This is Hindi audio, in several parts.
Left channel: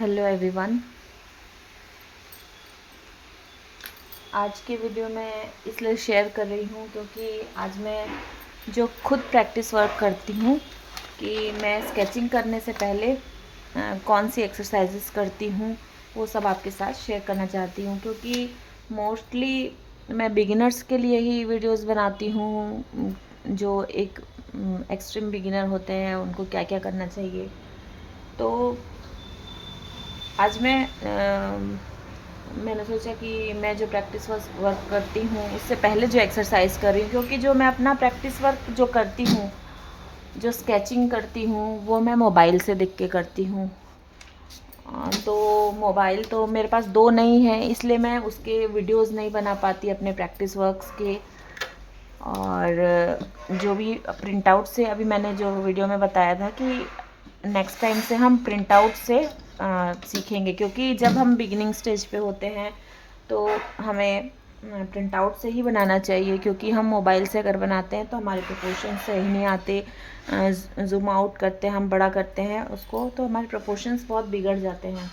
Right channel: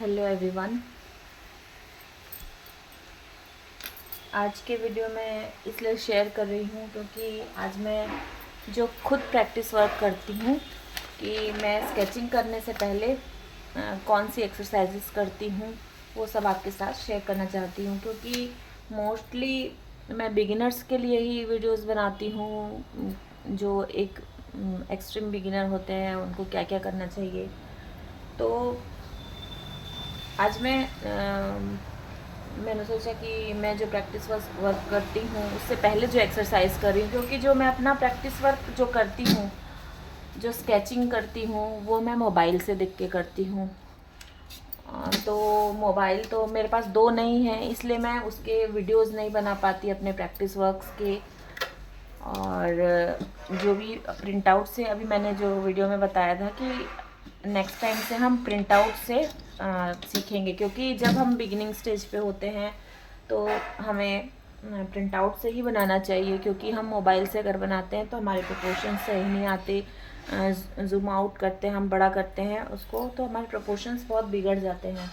Hello everyone. आज के वीडियो में इसलिए शेयर कर रही हूँ क्योंकि आज मैं जो खुद प्रैक्टिस वर्क करती हूँ कि मैं स्केचिंग करने से पहले कौन सी एक्सरसाइजेस करती हूँ वो सब आपके साथ शेयर करना चाहती हूँ, क्योंकि मोस्टली मैं बिगिनर्स के लिए ही वीडियोस बनाती हूँ। जो एक एक्सट्रीम बिगिनर होते हैं उनको क्या क्या करना चाहिए। तो आज मैंने सोचा कि मैं जो प्रैक्टिस वर्क करती हूँ उससे पहले जो एक्सरसाइज कर रही हूँ, क्योंकि जो मैं अपना प्रैक्टिस वर्क जो करती हूँ, जो स्केचिंग करती हूँ, वो मैं मोबाइल से देख के करती हूँ। तो मोबाइल तो मेरे पास दो नहीं है, इसलिए मैं उसके वीडियोस नहीं बना पाती अपने प्रैक्टिस वर्क्स के। और जो भी प्रिंट आउट से अभी मैंने जो वीडियो में बताया था कि नेक्स्ट टाइम से हम प्रिंट आउट से सीखेंगे, क्योंकि जब हम बिगिनिंग स्टेज पे होते हैं तो हमें प्रिंट आउट से ही बनाना चाहिए, क्योंकि हम मोबाइल से अगर बनाते हैं तो हमारे प्रोपोर्शन सही नहीं आते। जूम आउट करते हैं, हम बड़ा करते हैं उसको, तो हमारे प्रोपोर्शंस बहुत बिगड़ जाते हैं।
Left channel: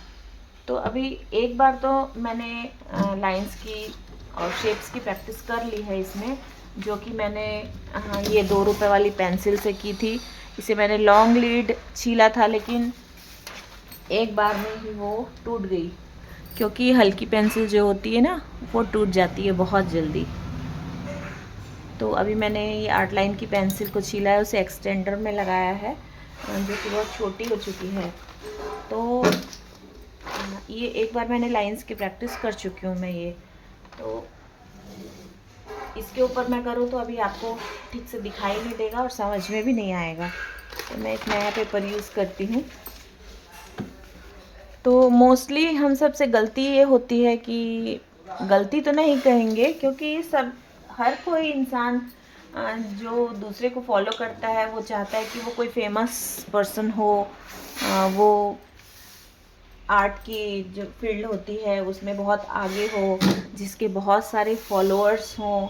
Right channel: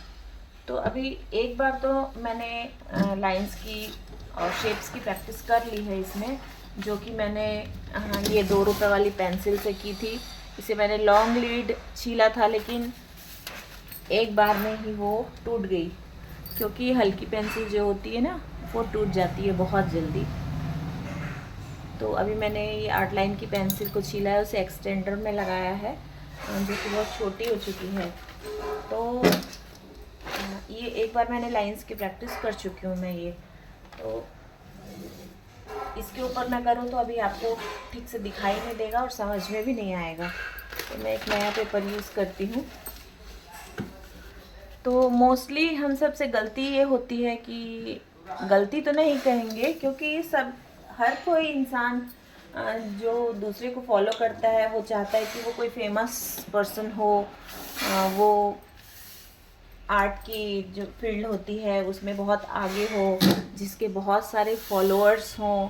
तो अभी एक बार तो मैंने लाइंस की और शेप्स की प्रैक्टिस कर ली है इसमें, जो कि मैंने ये 2 रुपए वाली पेंसिल से की थी। इसे मैंने लॉन्ग लीड छीला था, लेकिन एक बार में ही वो टूट गई, क्योंकि हल्की पेंसिल जो होती है ना वो टूट जाती है बहुत जल्दी। तो अभी मैंने ये आर्ट लाइन की पेंसिल को छीला है, उसे एक्सटेंडर में लगाया है जो कि बहुत छोटी हो चुकी है। तो ये एक बार मैंने लाइंस की प्रैक्टिस कर चुकी हूँ मैं ये। तो इसके ऊपर मैं करूँ तो अभी आपको ठीक से दिखाई नहीं देगा और समझ में भी नहीं आएगा। तो मैं एक नया पेपर यूज़ करती हूँ। तो मोस्टली हम सब से गलती ये होती है कि, गलती तो नहीं कहेंगे क्योंकि सब हर कोई इंसान जो दूसरे को फॉलो करता है वो चाहता है कि वो कोई फेमस पर्सन हो, वो आर्ट की जो फील्ड होती है उसमें बहुत आगे हो, जिसके बहुत सारे फॉलोअर्स हों,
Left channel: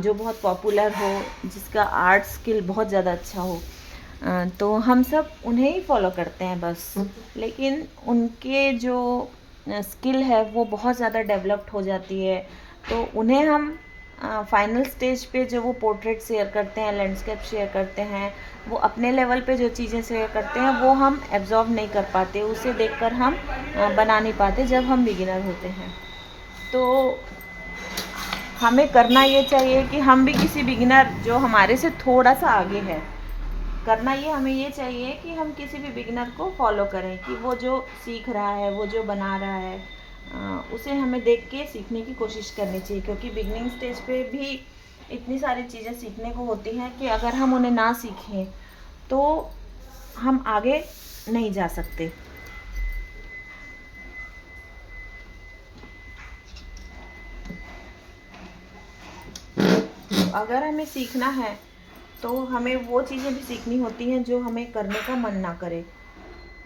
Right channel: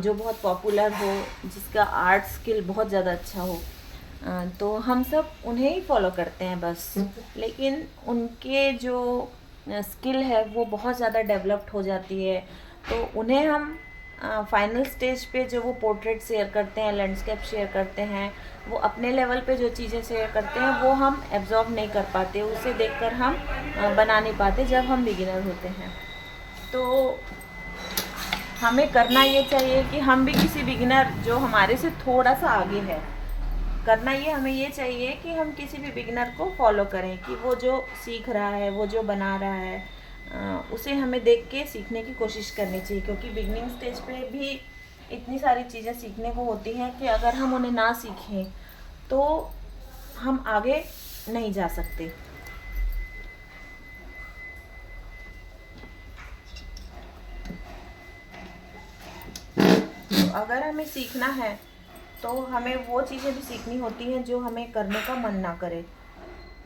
जो बहुत पॉपुलर हो, जिसका आर्ट स्किल बहुत ज़्यादा अच्छा हो। तो हम सब उन्हें ही फॉलो करते हैं बस। लेकिन उनके जो स्किल है वो बहुत ज़्यादा डेवलप्ड हो जाती है, तो उन्हें हम फाइनल स्टेज पे जो वो पोर्ट्रेट शेयर करते हैं, लैंडस्केप शेयर करते हैं, वो अपने लेवल पे जो चीज़ें शेयर करते हैं वो हम एब्जॉर्ब नहीं कर पाते, उसे देखकर हम बना नहीं पाते जब हम बिगिनर होते हैं। तो हमें करना ये चाहिए कि हम भी किसी बिगिनर जो हमारे से थोड़ा सा आगे है, करना ये हमें ये चाहिए कि हम किसी भी बिगिनर को फॉलो करें कि वो जो सीख रहा है, वो जो बना रहा है, उसे हमें देख के सीखने की कोशिश करनी चाहिए। क्योंकि बिगनिंग स्टेज पे भी इतनी सारी चीज़ें सीखने को होती हैं कि अगर हम उन्हें ना सीखें तो हम आगे नहीं जा सकते। तो अगर हमें सीखना है तो हमें वो चीज़ें भी सीखनी होती हैं जो हमें करने का मन ना करे।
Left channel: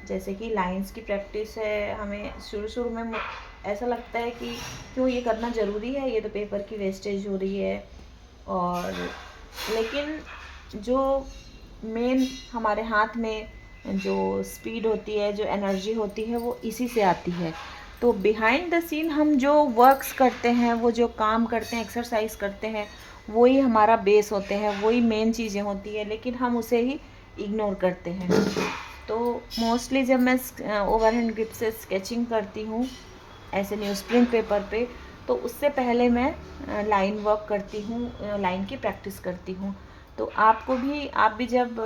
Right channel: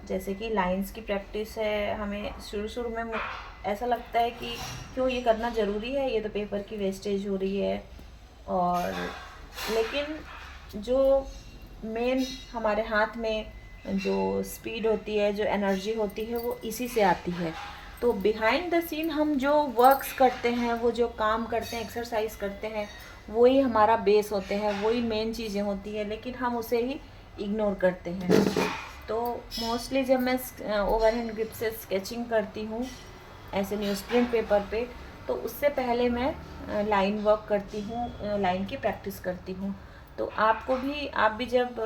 जैसे कि लाइंस की प्रैक्टिस है, हमें शुरू शुरू में ऐसा लगता है कि क्यों ये करना ज़रूरी है, ये तो पेपर की वेस्टेज हो रही है। और लेकिन जो मेन हमारे हाथ में जो स्पीड होती है, जो एनर्जी होती है, वो इसी से आती है। तो बिहाइंड द सीन हम जो वर्क्स करते हैं, वो जो काम करते हैं, एक्सरसाइज करते हैं, वही हमारा बेस होते हैं, वही मेन चीज़ें होती है, लेकिन हम उसे ही इग्नोर करते हैं। तो मोस्टली जब मैं ओवरहैंड ग्रिप से स्केचिंग करती हूँ ऐसे न्यूज़ प्रिंट पेपर पे, तो उससे पहले मैं लाइन वर्क करती हूँ, लाइन की प्रैक्टिस करती हूँ। तो आपको भी, आप भी जब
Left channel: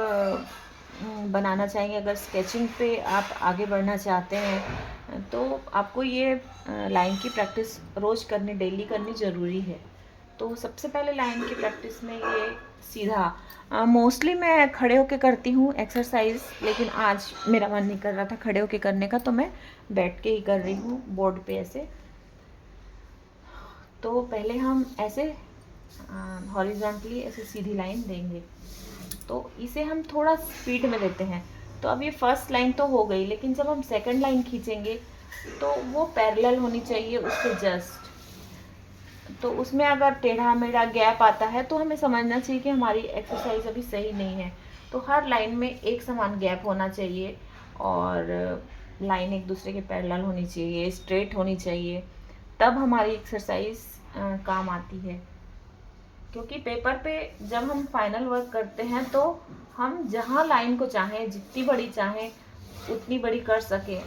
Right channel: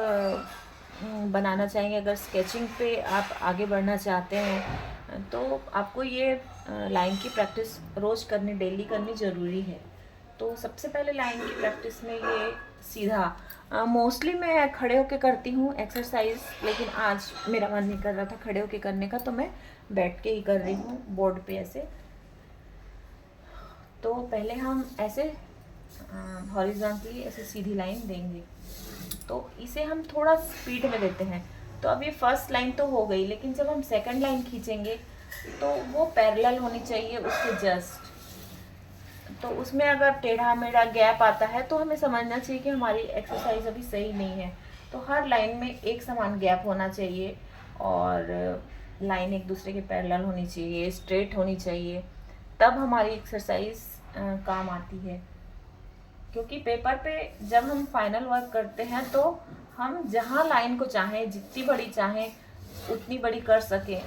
बनाना चाहेंगे, अगर स्केचिंग पे आप आगे बढ़ना चाहते हैं तो आपको ये लाइन की प्रैक्टिस रोज़ करनी, डेली करनी ज़रूरी है। तो सबसे पहले लाइन की प्रैक्टिस में ये सीधा मोस्टली मैं खड़े होके करती हूँ एक्सरसाइज, लेकिन आज मेरा मन नहीं कर रहा था खड़े होके करने का, तो मैं बैठ के ही कर रही हूँ बोर्ड पे ऐसे। तो पहले हम ऐसे हॉरिजॉन्टली ऐसे सीधी लाइन देंगे, तो इसे हम थोड़ा स्पीड में देते हैं। तो अब ये फर्स्ट लाइन तो हो गई, लेकिन जब हम सेकंड लाइन खींचेंगे तो वो पैरेलल होनी चाहिए उसके जस्ट। तो उसमें अगर टेढ़ा मेढ़ा गैप आता है तो हमें समझना चाहिए कि हमारी एक्सरसाइज अभी सही नहीं है। तो हर लाइन में एक समान गैप होना चाहिए। और लाइन एक दूसरे के पैरेलल होनी चाहिए, स्ट्रेट होनी चाहिए, तब हमारी एक्सरसाइज काम आती है। क्योंकि पेपर पे जब हम फाइनल वर्क करते हैं तो हम जहाँ लाइन को चाहें, जितनी बड़ी चाहें उतनी बड़ी कर सकें।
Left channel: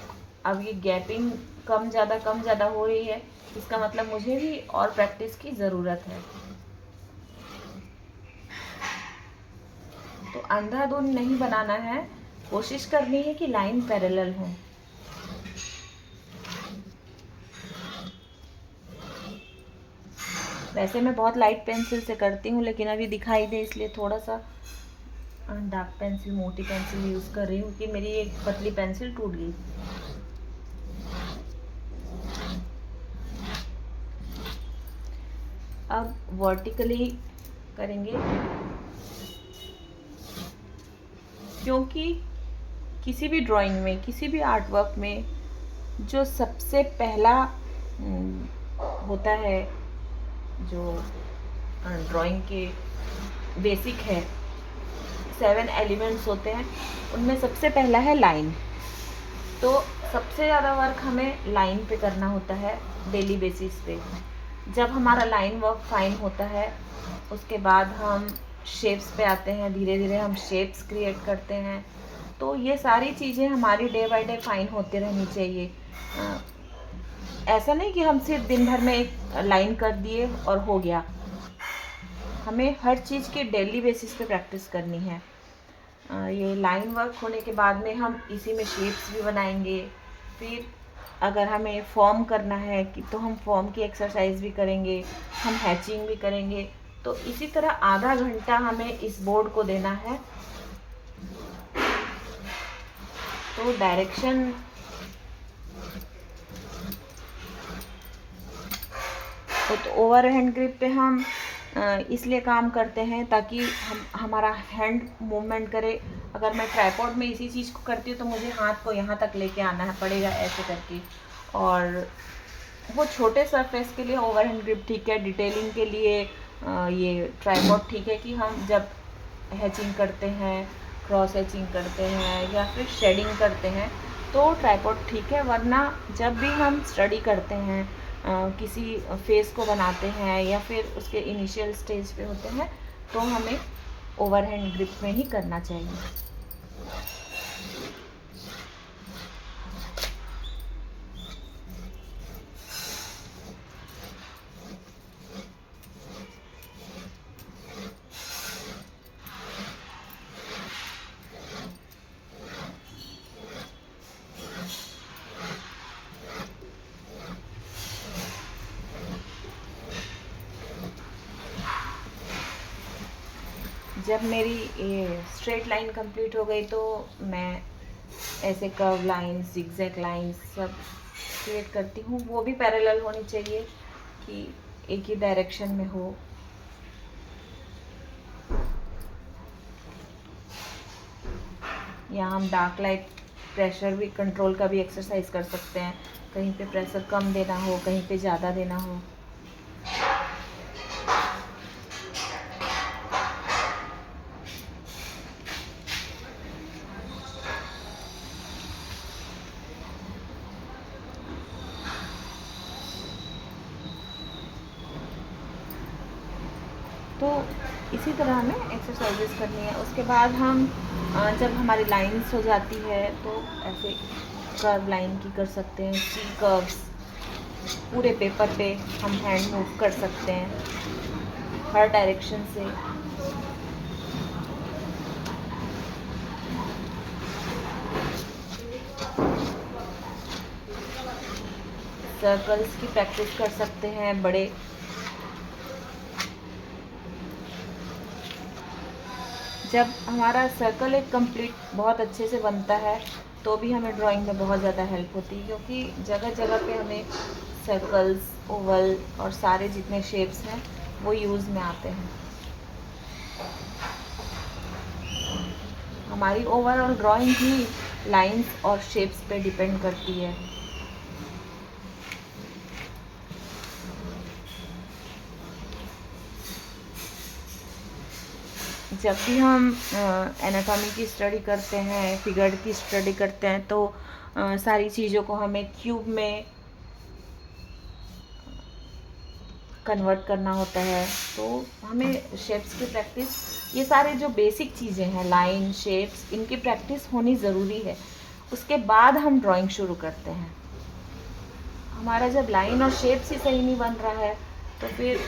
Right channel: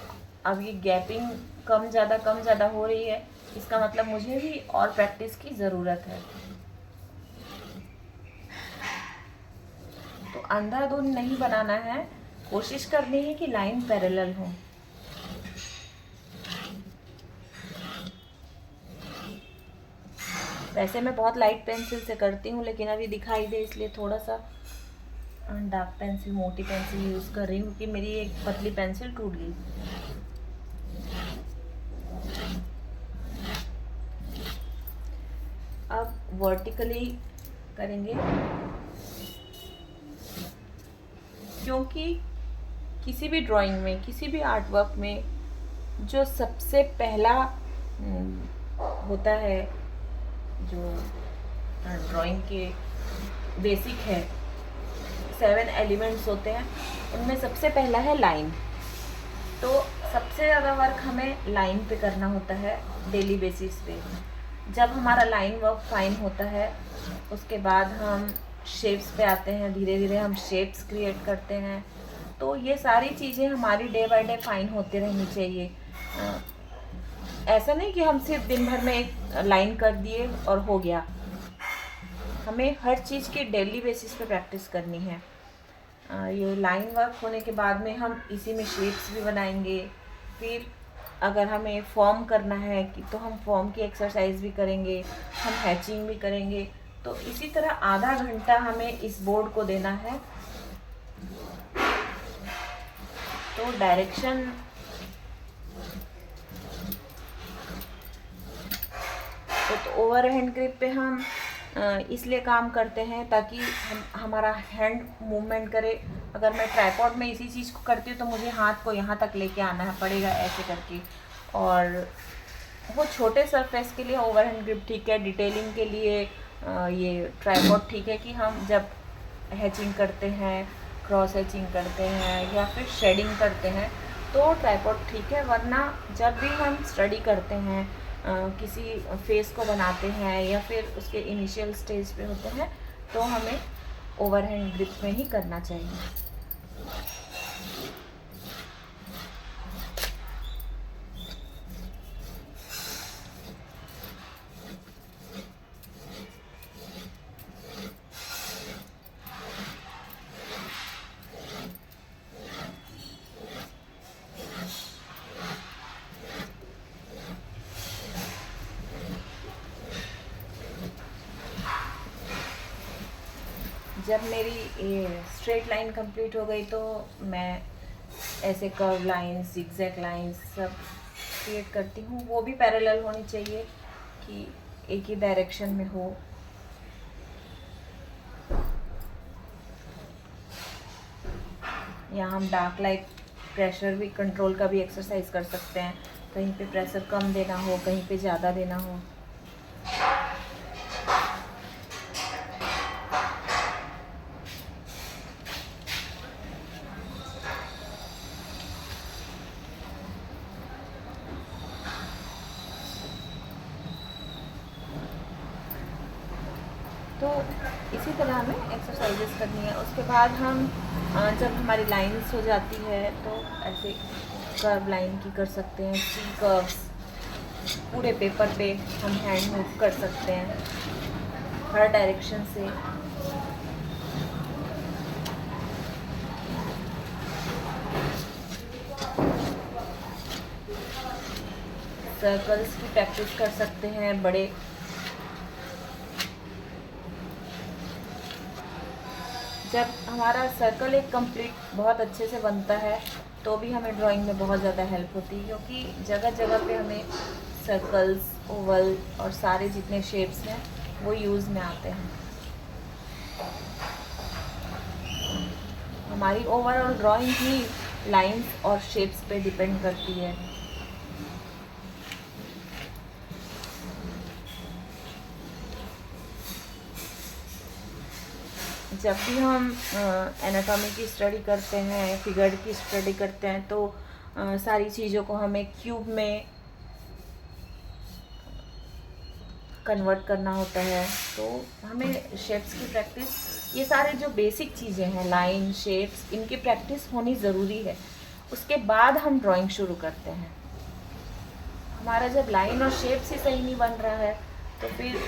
अब ये गैपिंग कम ज़्यादा हो रही है, इसका मतलब मुझे भी और प्रैक्टिस की ज़रूरत है। तो अंधाधुंध नहीं बनाना है, कोशिश करनी है कि लाइन पैरेलल हो। वैसे मैं बहुत लाइट पेंसिल से करती हूँ, लेकिन अभी दिखाई दे इसलिए थोड़ा सा डार्क पेंसिल, मोटी पेंसिल यूज़ कर रही हूँ कि मेरी एक पतली पेंसिल टूट गई। अब वर्टिकली करेंगे, क्योंकि किसी भी ड्राइंग में, किसी भी आर्ट वर्क में जो सबसे पहला होता है, जो ड्राइंग के बेसिक है, 7 एलिमेंट्स होते हैं, उनमें सबसे पहला है लाइन। तो सबसे ज़्यादा वर्क हमें लाइन पे करना होता है डेली बेसिस पे। जब हमारा लाइन वर्क फाइन होता है, उसके बाद हम शेप्स पे आते हैं, धीरे धीरे हम शेप्स क्रिएट करते हैं। तो ये सारी चीज़ें हमारी डे बाय डे फाइन होती रहनी चाहिए। ऐसा नहीं कि हम सिर्फ दिन भर में एक लाइन कर दिए और हो गया। हमें हर चीज़ की डेली बेसिस पे प्रैक्टिस करनी है। ये लाइन वर्क होने के बाद में हम इसी में शेप्स भी बनाएंगे। फिर अगर हमें फॉर्म करना है कि तो हम फॉर्म की एक्सरसाइज भी करेंगे, हम हैचिंग भी करेंगे। तो इसी तरह आधा घंटा हमें इस बोर्ड को देना है। तो डायरेक्शन तो ओवर हैंड ग्रिप पे हम इसलिए काम करते हैं ताकि हमारा हैंड मूवमेंट करे। अगर मैं ट्राइपॉड में इसी चीज़ को करती हूँ तो मुझे हाथ को यहाँ तक लेके आना है पड़ेगा ऐसे करके। और वो छोटे सरफेस के लिए ओवर हैंड ग्रिप ठीक है, डिटेलिंग के लिए ये ट्राइपॉड ठीक है कि हम जब हैचिंग करते हैं, क्रॉस हैचिंग करते हैं या फिर शेडिंग करते हैं तो ट्राइपॉड ठीक है। वरना जब भी हम स्टडी करते हैं, किसी फेस को बनाते हैं या फिर उसके इनिशियल स्टेज पे होते हैं, तो हमें ओवरहैंड ग्रिप में ही करना चाहिए। जब मेरी ये स्ट्रेट लाइन कंप्लीट हो गई तो मैं ऐसे कर्व लाइंस, जिगजैग लाइंस सब क्रिएट करती हूँ। वो भी पैरेलल होनी चाहिए कि एक ही डायरेक्शन में हो। यहाँ हम डार्क लाइट प्रेशर भी कंट्रोल का भी एक्सरसाइज कर सकते हैं। कहीं पे प्रेशर कम देना हो, कहीं पे ज़्यादा देना हो। तो इसी तरह हमें एक्सरसाइजेस करनी है। उसके बाद हम जब हमारी लाइंस हो जाती है तो ऐसे कर्व लाइन की कर सकते हैं, सी कर्व्स पूरे पेपर पे हम हैंड मूव कर सकते हैं हर डायरेक्शन से। सर्कल्स की प्रैक्टिस कर सकते हैं बड़े। जब हमारा सर्कल एक कंप्लीट बहुत अच्छे से बनता है तो भी हमें ड्राइंग में बहुत ज़्यादा हेल्प होती है, क्योंकि जगह जगह पे हमें सर्कल्स, ओवल और सारे जितने शेप्स हैं वो यूज़ में आते हैं। हमारी ओवरऑल ड्राइंग ही लाइंस और शेप्स पे डिपेंड करती है। जब भी हम एनाटॉमी की स्टडी करते हैं, फिगर की स्टडी करते हैं, तो सारी चीज़ों को हमें क्यूब में कन्वर्ट करना होता है। तो हमें शेप्स की प्रैक्टिस, ये सारे जो बेसिक चीज़ें हैं, लाइन, शेप्स, इनकी प्रैक्टिस होनी ज़रूरी है। उसके बाद हम ड्राइंग शुरू करते हैं। हमारा जब लाइन और शेप्स ही सही नहीं बन रहा है तो फिर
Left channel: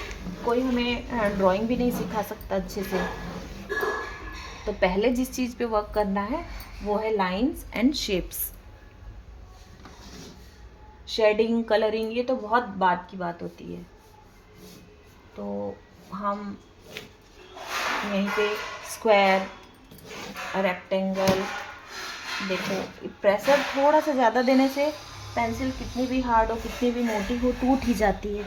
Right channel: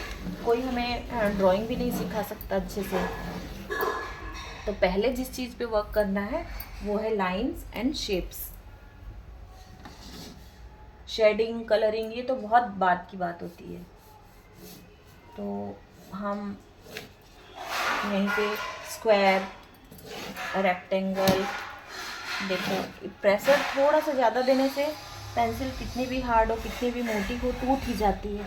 कोई हमें ड्राइंग भी नहीं सिखा सकता अच्छे से। तो पहले जिस चीज़ पे वर्क करना है वो है lines and shapes. Shading, colouring, ये तो बहुत बाद की बात होती है। तो हम यहीं पे स्क्वायर, रेक्टेंगल, देखो प्रेशर थोड़ा सा ज़्यादा देने से पेंसिल कितनी भी हार्ड हो, कितनी भी मोटी हो, टूट ही जाती है।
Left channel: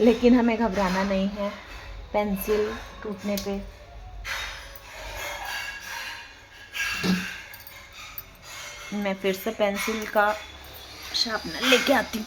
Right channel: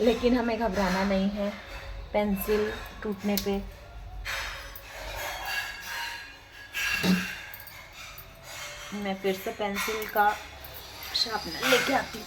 लेकिन हमें घबराना नहीं है पेंसिल टूटने पे। मैं फिर से पेंसिल का शार्पनर लेके आती हूँ।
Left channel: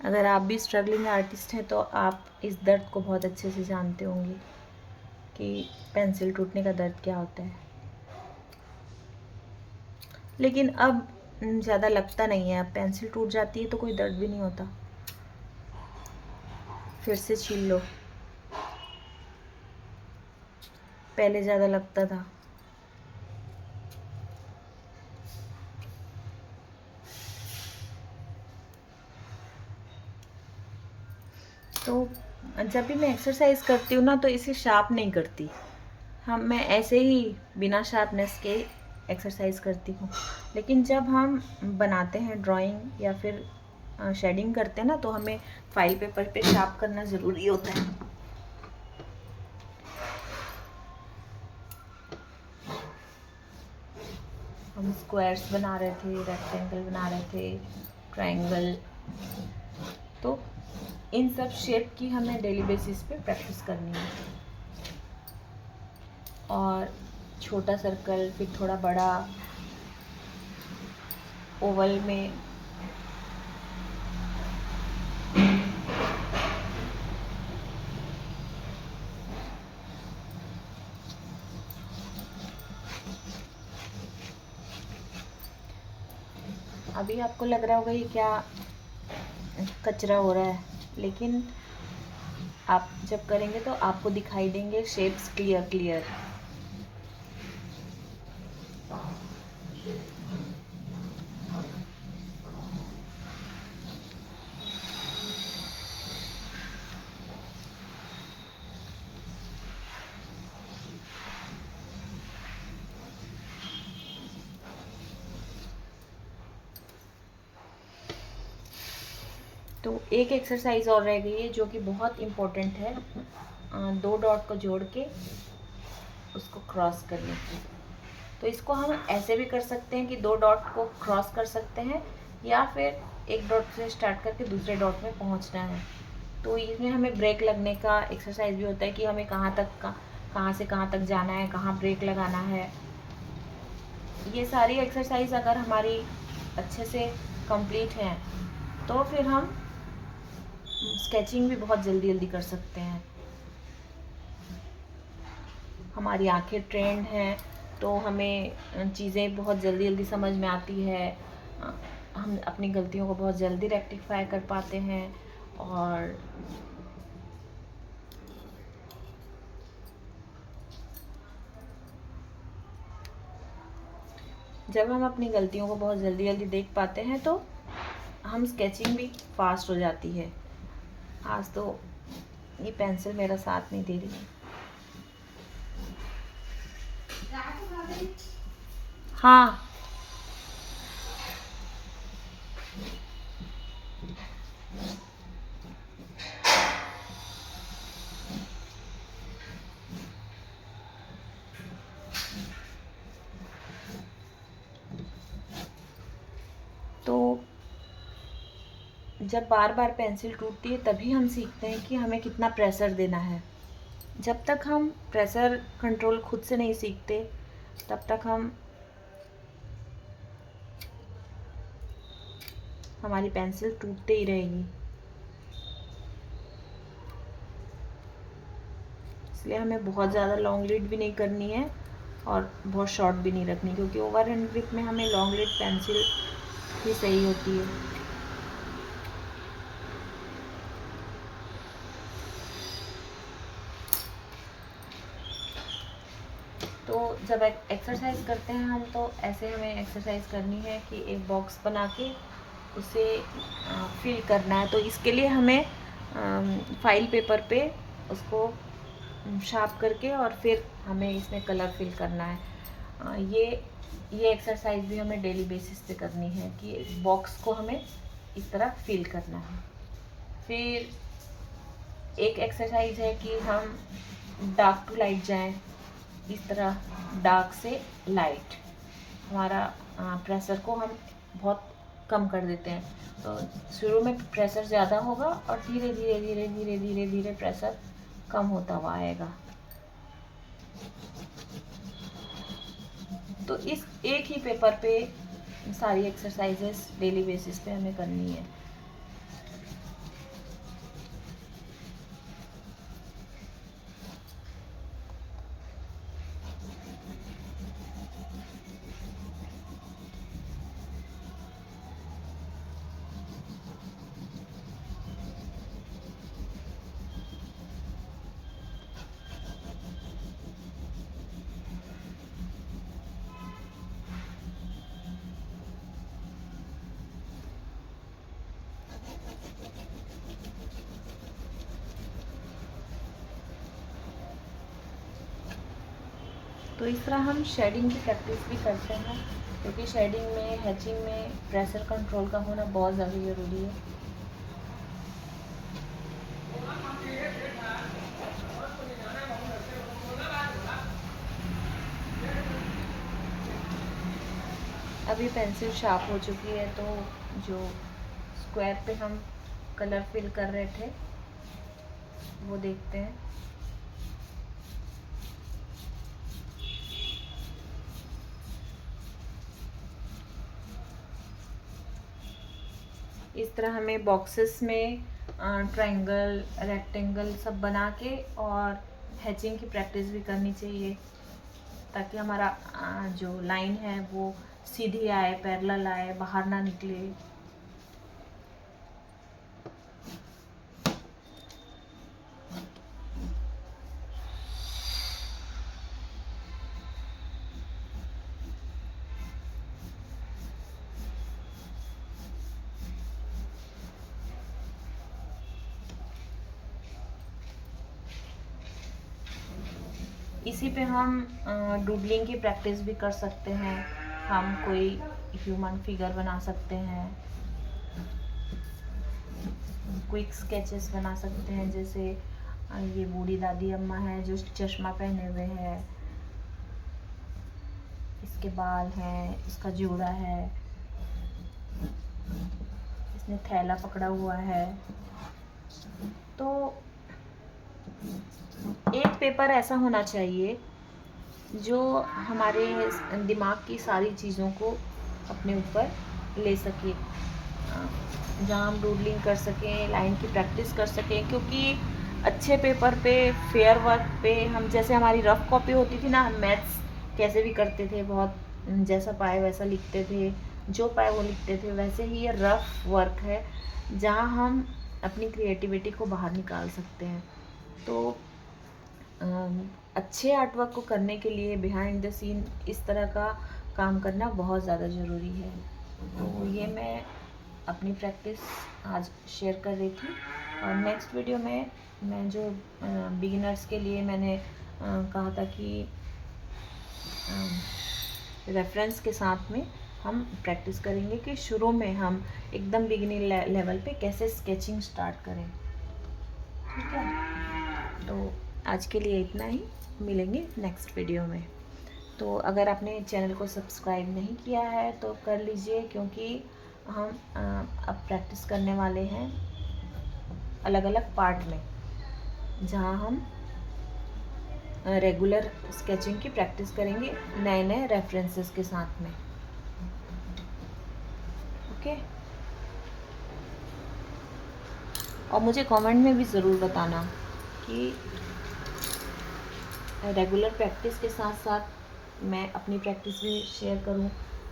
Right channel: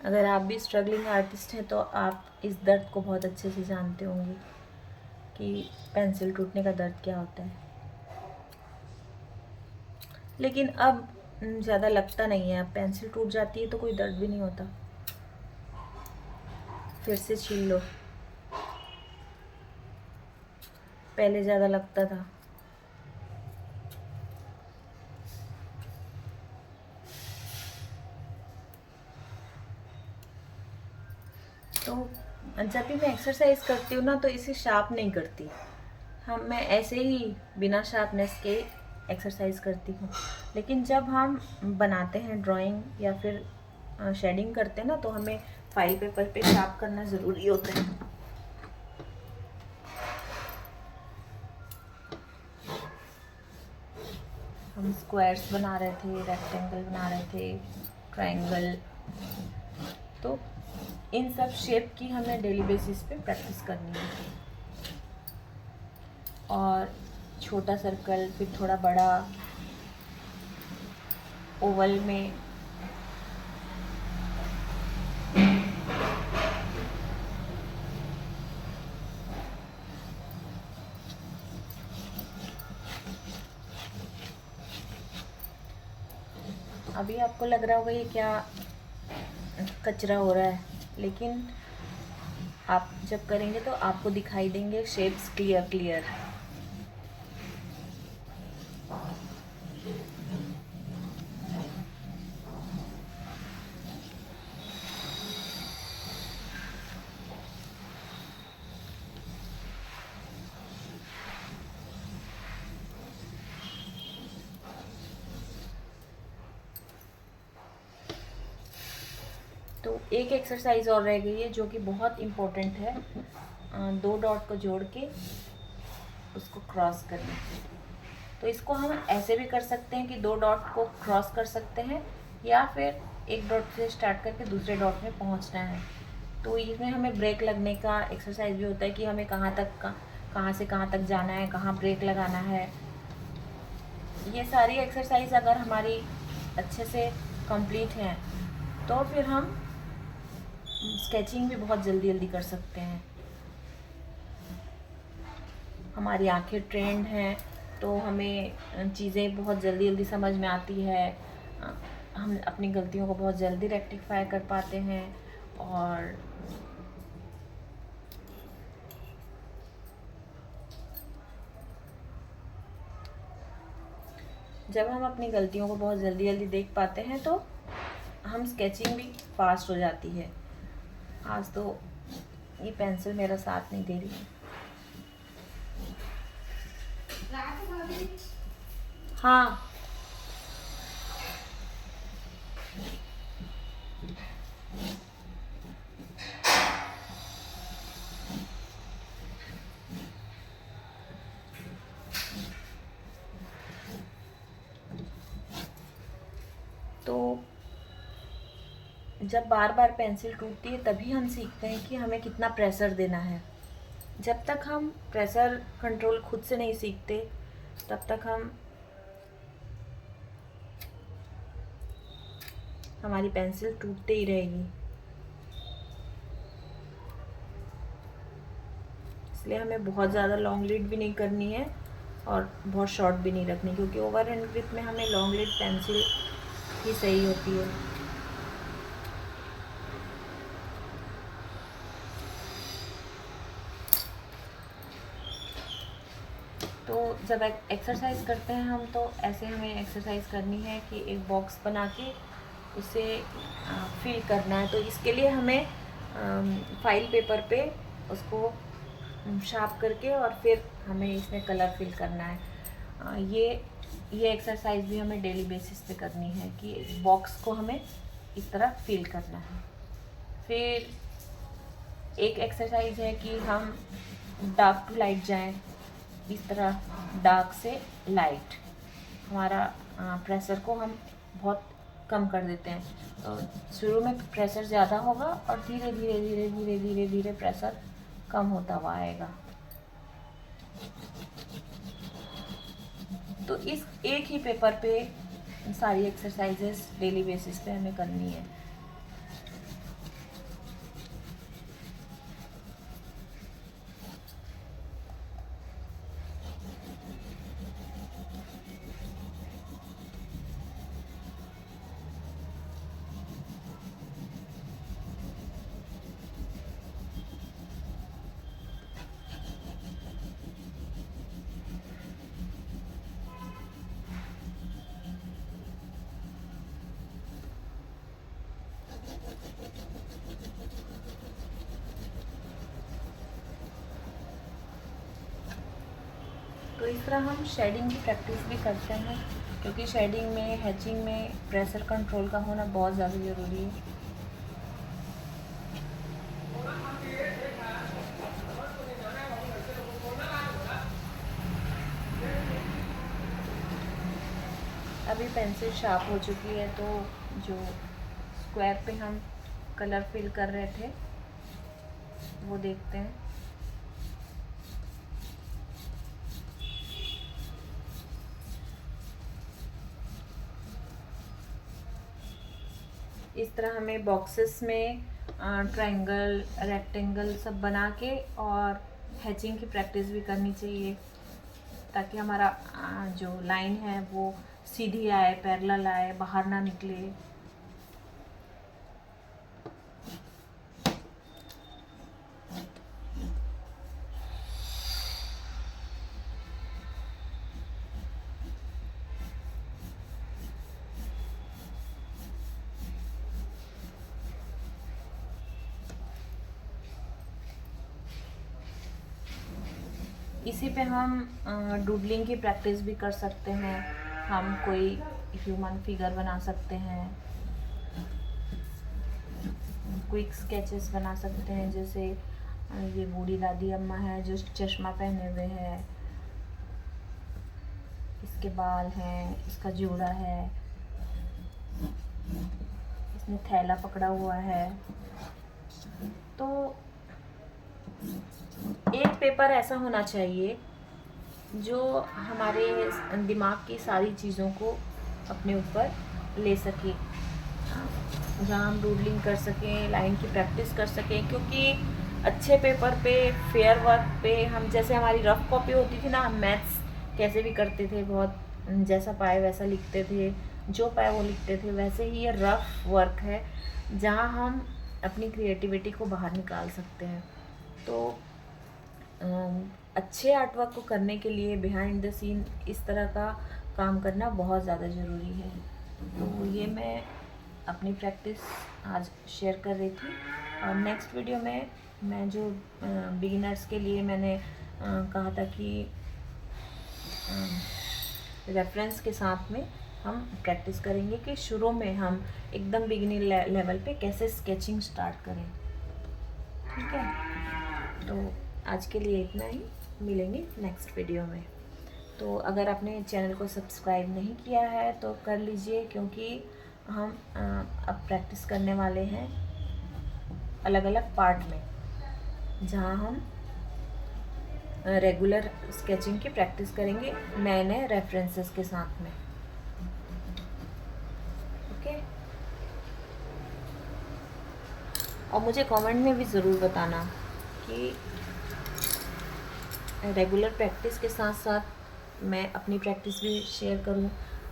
अगर आप भी स्ट्रगलिंग आर्टिस्ट हैं तो आप इस दर्द को बहुत अच्छे से जानते होंगे कि पेंसिल टूटने का दर्द क्या होता है। लेकिन अब ज़्यादा लगता नहीं है। अब पेंसिल टूट जाती है तो कोई दर्द भी नहीं होता। फिर से छील लो। पहले ज़्यादा लगता था। तो जब भी मैं एक्सरसाइज करती हूँ ना तो इसे शार्प नहीं करती। मैं ऐसे ही बिना शार्पनेस के एक्सरसाइज करती हूँ। लेकिन जब हम बनाते हैं ड्राइंग या फिर शेडिंग करते हैं ना तो हमें फाइल पेपर पे शार्प करना ज़रूरी होता है। हम स्क्वायर्स बना रहे थे, रेक्टेंगल बना रहे थे, ट्रायंगल। तो इन सब शेप की हमें डेली बेसिस पे प्रैक्टिस करनी है। और छोटा सर्कल, फिर थोड़ा बड़ा, ओवल में। अभी आपको लग रहा होगा ये क्या कचरा हो रहा है, लेकिन आप जब करेंगे तो आपको दिखाई देंगे शेप्स क्लियर क्लियर। तो एक एक्सरसाइज और रह गई है जो कि बहुत इम्पोर्टेंट है। 2 डॉट को जोड़ के उसको क्रॉस करना। तो इसको हम ऐसे भी कर सकते हैं कि 2 डॉट को क्रॉस कर सकते हैं, या फिर एक डॉट से स्टार्ट करके दूसरे डॉट में पहुंचना है। तो इसमें हमें ब्रेक लगने का एक्सरसाइज भी होता है कि हमें कहाँ से कहाँ तक जाना है, कहाँ ब्रेक लगाना है। ये सारी एक्सरसाइज अगर हमारी अच्छे से कंप्लीट हैं तो फिर हम स्केचिंग भी बहुत जल्दी जल्दी कर सकते हैं। हमारी आंखें ट्रेंड हैं तो हमें चीज़ें बहुत जल्दी जल्दी समझ में आती है। हम अपनी गलतियों को बहुत जल्दी रेक्टिफाई कर पाते हैं। और जब हम अपनी गलतियों को बहुत जल्दी जल्दी देख पाते हैं तो हम स्केचिंग भी फास्ट हो जाती है। आज तो ये पेंसिल मेरा साथ नहीं दे रही है। हाँ, तो जब बार बार पेंसिल टूटती है तभी हम सीखते हैं कि हमें कितना प्रेशर देना है। जब तक हम प्रेशर कंट्रोल खुद से नहीं सीखते तब तक हमारी पेंसिल टूटते ही रहेगी। इसलिए हमें बहुत ज़्यादा लॉन्ग लीड भी नहीं करनी है और बहुत शॉर्ट भी नहीं रखनी, क्योंकि ओवर हैंड ग्रिप में हमें लॉन्ग लीड पेंसिल ही सही होती है। तो जब एक्सरसाइज करते हैं हम, तो ऐसे हमें एक्सरसाइज करनी है कि एक बॉक्स बना के उसे फिल करना है। तो इसके लिए हमें फाइल पेपर पे उसको शार्प करके और फिर हमें इसमें कलर फिल करना है। ये एक्सरसाइज भी हमें डेली बेसिस पे करनी है कि बॉक्स को हमें इस तरह फिल करना है। फिर एक एक्सरसाइज है कि हम डार्क टू लाइट जाएं, इस तरह डार्क से लाइट। हमारा प्रेशर को हम बहुत कम कर देते हैं। तो शुरू में प्रेशर ज़्यादा होगा और धीरे धीरे धीरे धीरे धीरे धीरे प्रेशर कम होता हुआ आएगा। तो इस एक ही पेपर पे सारी एक्सरसाइजेस डेली बेसिस पे हमें करनी है। तो इस तरह हम शेडिंग की प्रैक्टिस भी करते हैं, क्योंकि शेडिंग में, हैचिंग में प्रेशर कंट्रोल का होना बहुत ज़्यादा ज़रूरी है। अभी पेंसिल शार्प हो चुकी है, तो जो स्क्वायर पे हम कलर फिल कर रहे थे वो देखते हैं। इस तरह हमें बॉक्सेस में ट्रायंगल, रेक्टेंगल सब बना के और हैचिंग की प्रैक्टिस भी करनी चाहिए, ताकि हमारा जो लाइन है वो सीधी आए, पैरेलल आए, बाहर ना निकले। इसी पे हम डूडलिंग की प्रैक्टिस भी कर सकते हैं। हम कोई ह्यूमन फिगर बना सकते हैं, क्विक स्केचेस बना सकते हैं। जैसे ये बूढ़ी दादी अम्मा है जो चश्मा पहने हुए है, इसके बाल हैं, इसका जूड़ा है, इसने थैला पकड़ा हुआ है। तो एक पेपर ऐसा होना चाहिए जो हमारे दिमाग की सारी चीज़ों को अपने ऊपर ले सके, जहाँ हम डूडलिंग कर सकें, लाइन की प्रैक्टिस कर सकें। क्योंकि अच्छे पेपर पे, फेयर वर्क पे, हम जैसे हमारी रफ कॉपी होती थी ना, हम मैथ्स कैसे भी करते थे, बहुत जैसा पाए वैसा लिखते थे, जो पाए वो लिखते थे। वैसे ही ये रफ वर्क है जहाँ हम अपनी क्रिएटिविटी को बाहर निकाल सकते हैं। तो अच्छे आर्ट वर्क को करने के लिए बिहाइंड द सीन इस तरह का काम करना बहुत ज़्यादा ज़रूरी है। तो ये मैं अपनी प्रैक्टिस आज शेयर कर रही थी। और नेक्स्ट वीडियो में मैं जो बिगिनर्स के लिए मैंने कहा था कि रेफरेंस के साथ में हम प्रैक्टिस करेंगे कि शुरू में हम एकदम बिगिनर लेवल पे कैसे स्केचिंग स्टार्ट करें। ठीक है, तो आज के लिए इतना ही, मिलेंगे नेक्स्ट वीडियो में। तो अगर आपने चैनल को सब्सक्राइब नहीं किया है तो कर लीजिए, क्योंकि हम अब प्रैक्टिस करने वाले हैं अलग अलग पार्ट में, जहाँ हम रेगुलर स्केचिंग की प्रैक्टिस करेंगे नए नए रेफरेंसेस के साथ में। ओके, और मुझे कमेंट में भी ज़रूर बताना कि रेगुलर प्रैक्टिस के साथ साथ मैं अपनी प्रैक्टिस भी शेयर करूं,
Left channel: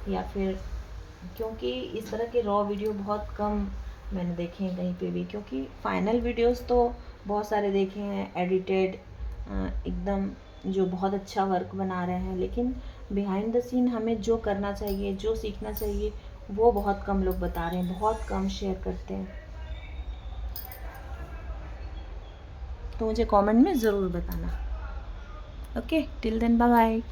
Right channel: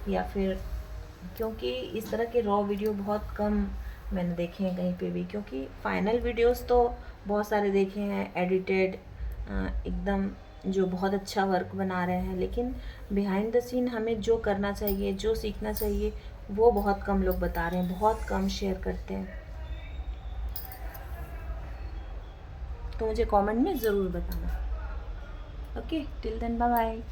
या फिर, क्योंकि इस तरह के रॉ वीडियो बहुत कम मैंने देखे हैं कहीं पे भी, क्योंकि फाइनल वीडियोस तो बहुत सारे देखे हैं एडिटेड एकदम, जो बहुत अच्छा वर्क बना रहे हैं, लेकिन बिहाइंड द सीन हमें जो करना चाहिए, जो सीखना चाहिए, वो बहुत कम लोग बता रहे हैं, बहुत कम शेयर करते हैं। तो मुझे कमेंट में ज़रूर बताना। Okay, till then bye bye.